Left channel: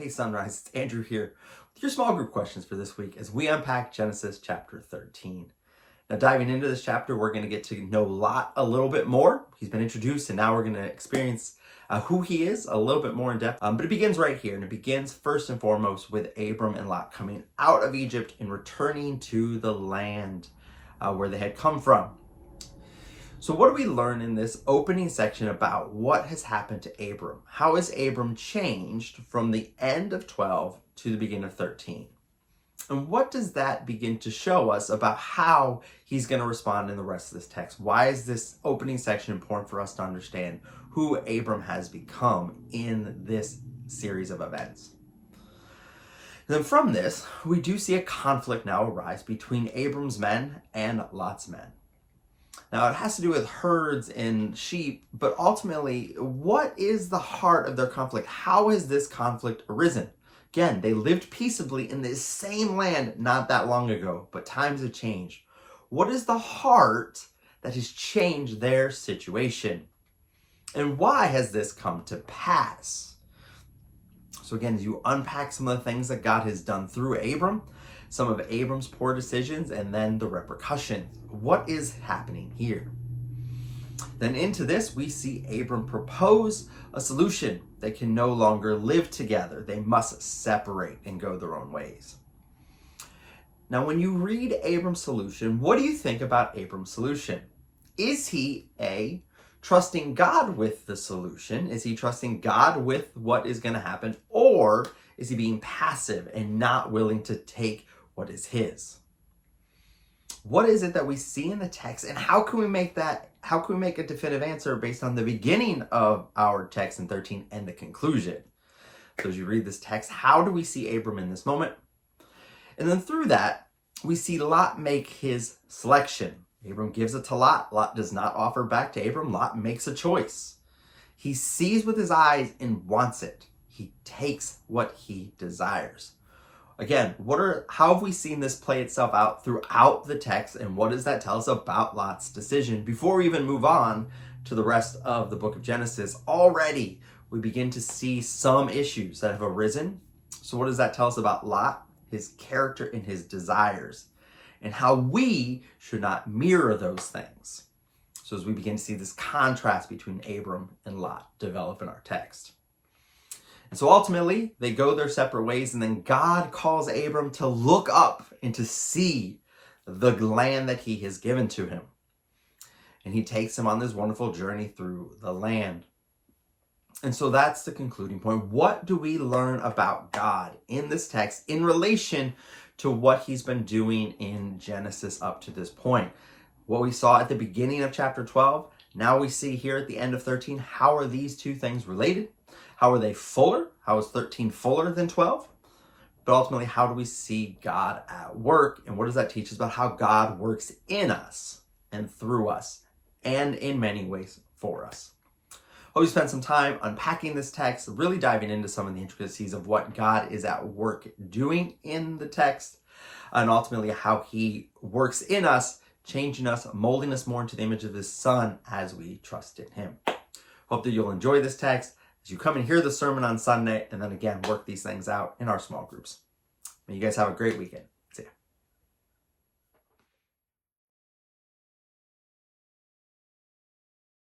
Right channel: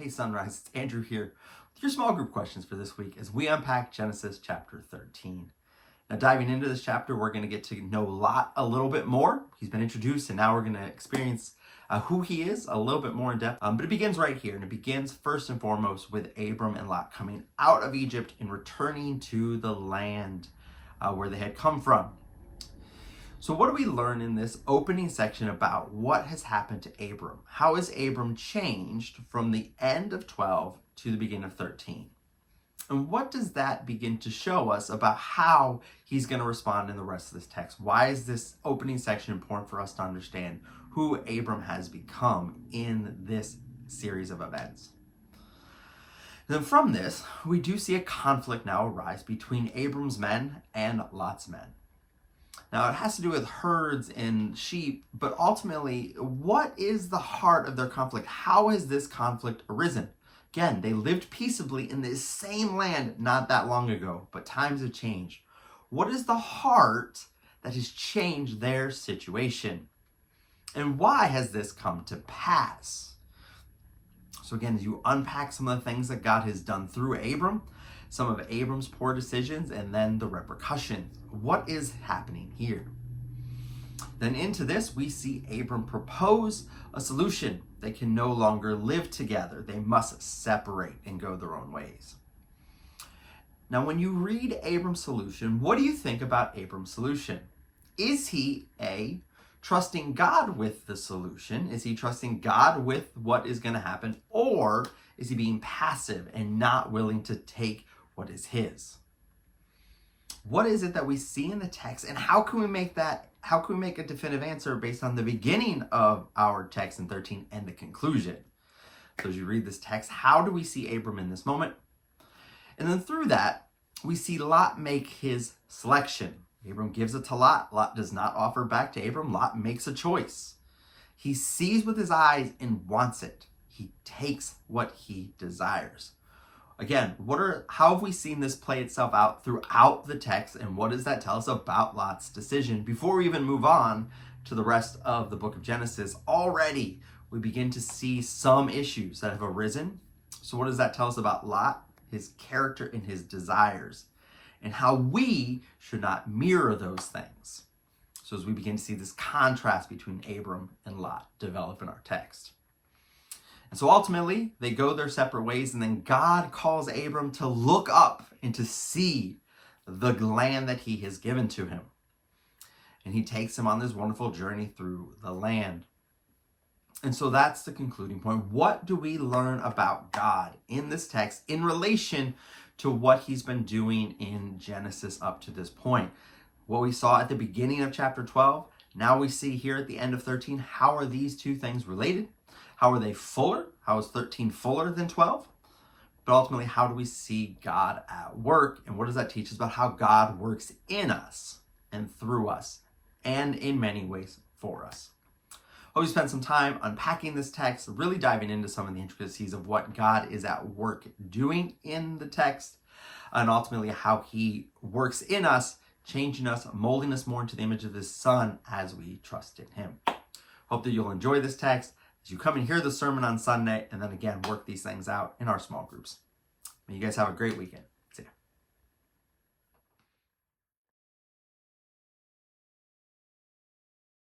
Hey Sunrise, it's Andrew here with your small group questions for this week as we unpack Genesis chapter 13. Now diving into this chapter, we're going to get to know Lot a little bit more. He's been introduced and now we're going to experience who he is a little bit more in depth. But it begins right here, and it begins first and foremost with Abram and Lot coming out of Egypt and returning to the land where they had come from. So what do we learn in this opening section about what has happened to Abram? How has Abram changed from the end of 12 to the beginning of 13? And what does that begin to show us about how he's going to respond in the rest of this text? Why is this opening section important for us to understand who Abram has become in this series of events? And then from this, we do see a conflict now arise between Abram's men and Lot's men. Now, it has to do with herds and sheep, but ultimately, what is the heart of their conflict? How has this conflict arisen? Again, they lived peaceably in this same land not that long ago, but times have changed. What is the heart that has changed their situation? And why has this come to pass? So again, as you unpack some of the things that God has done through Abram, some of Abram's poor decisions, and then the repercussions. What is happening here? Then into this, we see Abram propose a solution. They can no longer live together. They must separate and go their own ways. Now, when you read Abram's solution, what do you think about Abram's solution? Is he A, trusting God with the solution? Is he trusting God with what is going to happen? Or is he being passive and not willing to take what is his? What is it that we see in the text, and how can we make a definitive answer based on the beginning of our text in 13 and the conclusion? So as you read this text, how do we see Abram in this moment? And then through that, we see Lot make his selection. Abram gives it to Lot. Lot does not offer back to Abram. Lot makes a choice. He sees with his eyes and wants it. He takes what he desires. Again, how have we seen this play itself out throughout the text, and what does that tell us about Lot's decision? Before we even move on to the rest of the book of Genesis, already we begin to see some issues that have arisen. So what does that tell us about Lot, his character, and his desires, and how we should not mirror those things? So as we begin to see this contrast between Abram and Lot develop in our text. And so ultimately, they go their separate ways, and then God calls Abram to look up and to see the land that he has given to him. And he takes him on this wonderful journey through the land. And so that's the concluding point. What do we learn about God in this text in relation to what he's been doing in Genesis up to this point? What we saw at the beginning of chapter 12, now we see here at the end of 13, how are these two things related? How are they fuller? How is 13 fuller than 12? But ultimately, how do we see God at work? And what does that teach us about how God works in us and through us and in many ways for us? Hope you spent some time unpacking this text, really diving into some of the intricacies of what God is at work doing in the text, and ultimately how he works in us, changing us, molding us more into the image of his Son as we trust in him. Hope that you'll enjoy this text as you come and hear the sermon on Sunday, and then again, work these things out in our small groups. May you guys have a great weekend.